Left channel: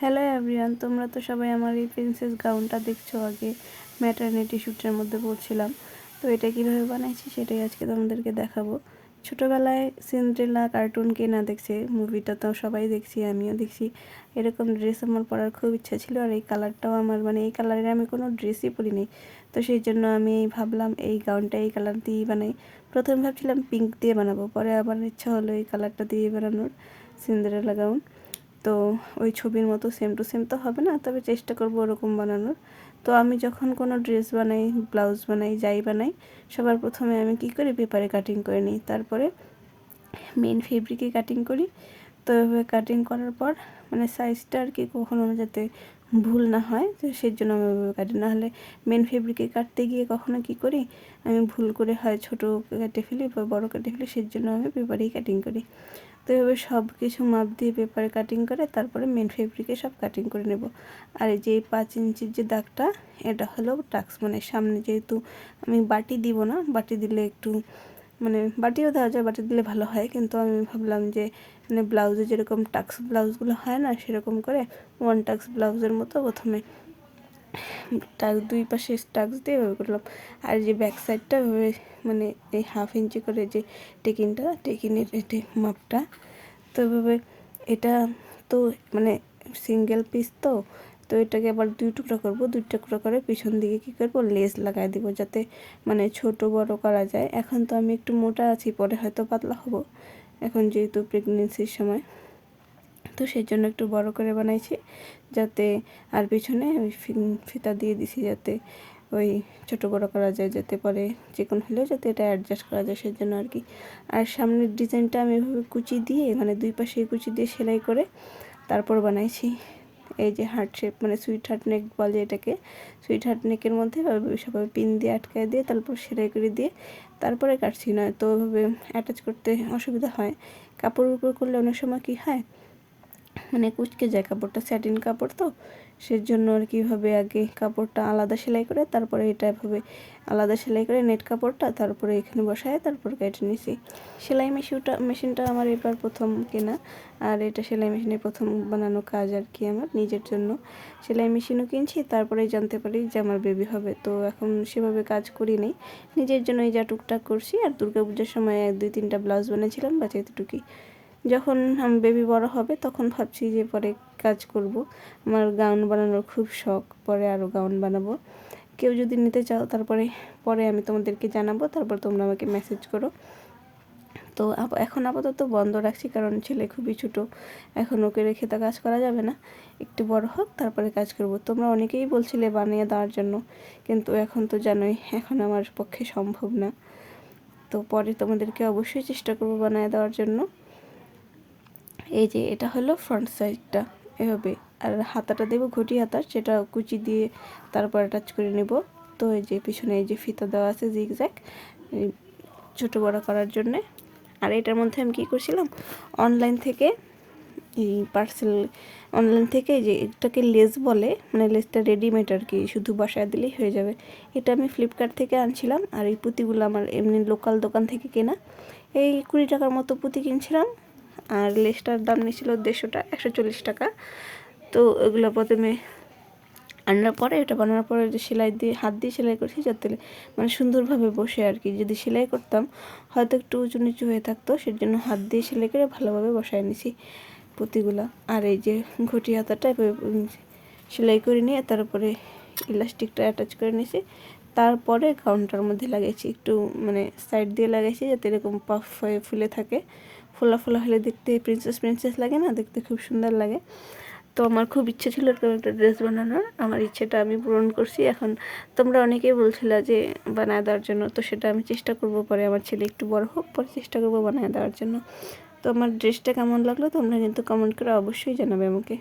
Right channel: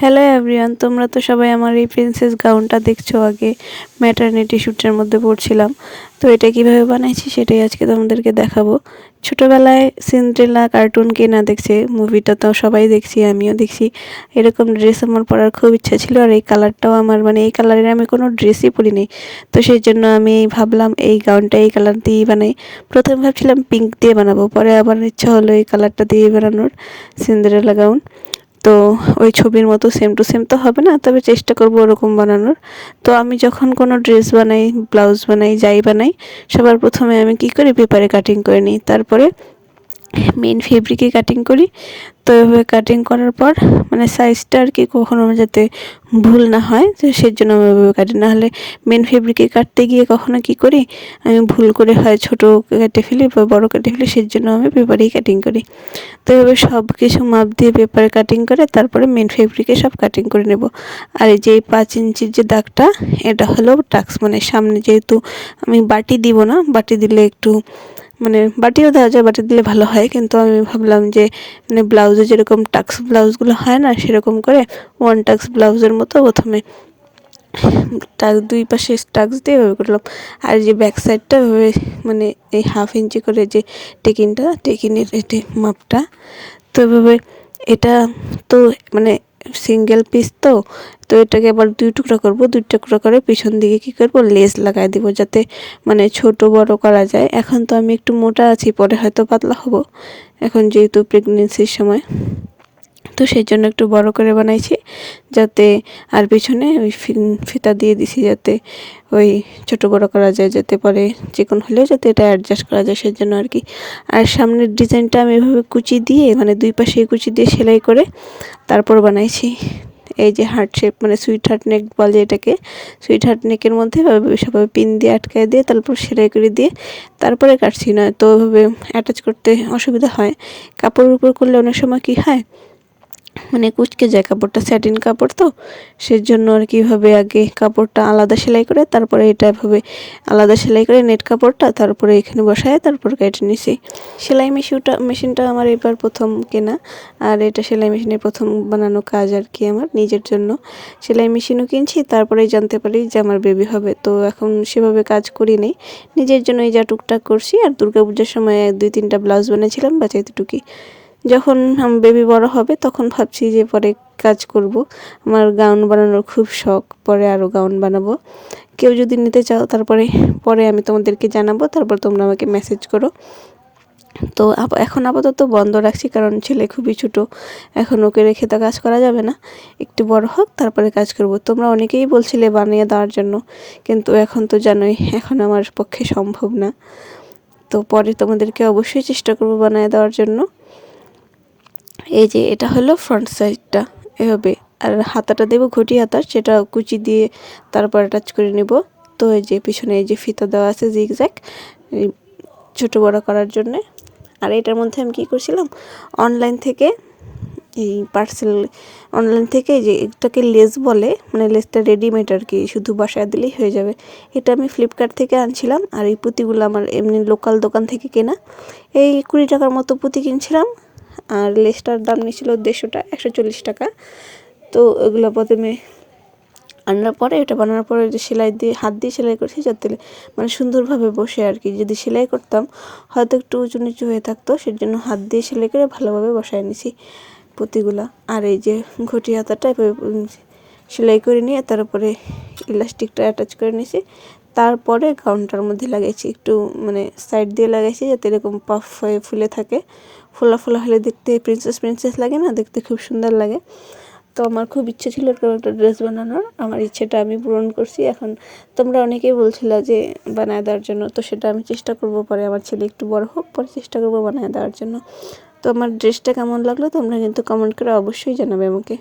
Hello everyone, তোমরা তো সবাই আমার এই প্রিন্সেস গাউনটা দেখছো। আগে ম্যাটারনিটি শ্যুটের মধ্যে পড়ছিলাম, তো এটা কিভাবে বানাইছি সেটাই আজকে তোমাদেরকে দেখাবো। ছোটোবেলায় সিন্ড্রেলা কার্টুন কে না দেখছে, মুভিটা তো সবাই দেখছি, আমিও দেখছি। এরকম ড্রেস আমার পরার খুব ইচ্ছা ছিল, আর এই কালারটাও আমার এই কালারের আমি কোনো ড্রেসই পরিনি। তো সেই জন্য আমি ভাবলাম এই গাউনটা এই কালার দিয়েই বানাই। প্রথমে ভাবছিলাম পিঙ্ক দিয়ে বানাবো, পরে আবার ইচ্ছা হলো এই কালারটা দিয়ে বানানোর, সিন্ড্রেলা গাউন। তো ওই ছবির মতো সেম টু সেম তো হবে না, তবে চেষ্টা করব ওরকম বানানোর। তো আমি যখন কোনো ড্রেস বানাই, ব্লাউজ বানাই, যাই বানাই, সবার প্রথমে আমি কি করি, পেপারে কাটিং করে নিই, তারপরে মেন ফেব্রিকে কাটিং করি। তো এভাবে কাটিং করার পর সাইজটা আর কি কখনো যাতে ভুল না হয়, তো সেই জন্য আমি ওইভাবে কাটি। না হলে মেন ফেব্রিকে কাটতে গিয়ে কখনো কি করি, আমি ভুল করে হয় ছোটো কেটে ফেলি বা বড়ো কেটে ফেলি, সেই জন্য আমি পেপারেই কাটিং করি। তো এভাবে সব কিছু মাপ দিয়ে পেপারে কাটিং করে তারপরে মেন ফেব্রিকে সব কাটিং করে নেব। আর এই যে 5 ইঞ্চির যে দাগটা, এটা হলো টাক্স, সামনে যেহেতু আমি বাটি দিব না, বাটি দিলে একটু বাটিও দেওয়া যায়, বাটি দিলে ভালো হয়, কিন্তু আমি ভাবলাম যে ব্লাউজে যেরকম টাক্স ব্লাউজগুলো হয় না, সেরকম করে ওয়ান টাক্স ব্লাউজের মতো প্রথমে দুই পাশে টাক্স দিয়ে এভাবে করলাম। আর যে ব্যাক সাইডটা এভাবে এই 1/2 ইঞ্চি করে যে টেকিনের এটি মাপটা, তো এভাবে এটা তো সিঙ্গেল পিস, তো তো এটাকে আবার 2 টুকরা করব। 2 টুকরা করে পিছন দিকে কি করব, লেস লাগাই দিব, যাতে ছোট বড় করা যায়। এখন তো আমি একটু মোটা আছি, পরে হয়তো পাতলা হব, এখন যেহেতু প্রেগনেন্সির সময়, তো সেই জন্য একটু বড় করে বানাইছি যাতে, আর পিছনে ওই ফিতা দিয়ে দিছি যাতে ওই ছোট বড় করা যায়, যাতে পরে চিকন হলেও যাতে এটা অ্যাডজাস্ট করা যায়, সেই জন্য আর কি। আর সামনের ডিজাইনটা আমি এভাবে কুচি দিয়ে দুই পাশে কুচি দিয়ে সেলাই করে তারপর বানাইছি। এই যে হার্ট শেপ, সুইট হার্ট নেক বলে এটাকে। সুইট হার্ট নেকের মধ্যে সবাই পিন দিয়ে আটকায় দিয়ে তারপর সেলাই করে দিয়ে তারপরে কাটছি, না তো ওইভাবে অ্যাটাচ করতে অসুবিধা হয়। কাপড়ের উপর করলে অনেক সময় কি হয়, কুঁচকে যায় কাপড়টা, স্যাটিন কাপড় তো, সেজন্য আর কিভাবে আগে কাপড়টা আলাদা সেলাই করে তারপরে এটা এভাবে আলাদা সেলাই করে নেট কাপড়টা তারপরে এখানে বসায় তারপর কেটে নিছি। সেলাই মেশিনটা আমার এবার প্রথম কেনা, আর এটা সেলাই মেশিনের প্রথম বানানো কাজ আর কি আমার নিজের জন্য। সেলাই মেশিনও কিনছি, তারপরেই জানতে পারি যে আমার বেবি হবে, তো এখন সেভাবে কাজ করি নেই, নিজের জন্য এই যা টুকটাক করছি। আর দুর্গাপূজার সময় 2-3টা ব্লাউজ বানিয়েছিলাম, বাস এতটুকুই। যখন বেবি বড় হবে তখন ভাবছি যে পরে কাজ করব। আমার গাউন বানানোর খুব শখ, পরে আরও গাউন বানাবো। কেউ যদি নিতে চাও তারপরে পরে আমি তোমাদেরকে জানাবো, তারপর তোমরা আমাকে মেসেজ করো। তো এখন আপাতত বন্ধ রাখছি, কারণ ছেলে খুবই ছোটো, এখন ওকে রেখে তো কাজ করা যাবে না, একটু বড় হোক তারপরে কাজ করব। তোমরা অনেকেই বলছিলে বানিয়ে দেওয়ার জন্য, কিন্তু এখন তো জানোই এখন আমার পক্ষে সম্ভব না। তো পরে তোমাদেরকে অবশ্যই চেষ্টা করব বানিয়ে দেওয়ার জন্য। এই যে এটা হলো ফ্রন্ট সাইডটা এভাবে, আর হাতাটা দেবো ঘটি হাতা, সেটা কুচি দিয়ে তারপর অ্যাটাচ করে নেব। তো এই যে পিছনে এই যে ফিতা দেওয়া আছে জিগজ্যাগ, ছোটো বড়ো করার জন্যে। আর এটার মধ্যে আমি কী করছিলাম, অনলাইন থেকে এই অনলাইন থেকে যে এটাকে লেস বলে, লেসটা রেডিমেড আর কি, শুধু বাসায় দিলেই হয়ে যাবে। এটা আমি ফ্লিপকার্ট থেকে আনছিলাম, আর এই পুঁতিগুলো আমার এমনি লোকাল দোকান থেকে কেনা। এই 20 টাকার মতো পুঁতি কিনছিলাম, আর লেসটার দাম নিয়েছিল 150 140 টাকা। তো এগুলো প্রথমে আনার পরে, এটা বানানোর পরে যে সেলাই দিয়ে হাত দিয়ে সেলাই করছি, যাতে সুন্দরভাবে বসে আর কি। যদি সেলাই করতাম হয়তো একটু উঁচু নিচু হয়ে থাকতো, সেজন্য হাত দিয়ে সেলাই করে ভালোভাবে বসায় নিছি পুঁতিগুলা। আর এই যে ঘটি হাতাটা সেলাই করে নিয়ে তারপরে ইলাস্টিকটা অ্যাটাচ করে নিয়েছি, তারপরে গাউনটার মধ্যে লাগাইছি, একটু সাইড দিয়ে লাগাইছি যাতে এরকম পাফ হয়ে ফুলে থাকে। ফোলা ফোলা হলে দেখতে প্রিন্সেস লাগে না, দেখতে খুব সুন্দর লাগে। তো আমার খুব ইচ্ছে ছিল এরকম একটা ড্রেস বানানোর, আমার ইচ্ছেটা আমি পূরণ করছি। এখন তোমরা অনেকেই বলছিলে যে বানায় দেওয়ার জন্য, তো সেটা আমি চেষ্টা করব, পরে আমার ছেলে একটু বড় হোক পরে চেষ্টা করব বানায় দেওয়ার জন্য। তো আমার ড্রেসটা কেমন লাগলো তোমরা কিন্তু কমেন্ট করে অবশ্যই জানাবে আমাকে।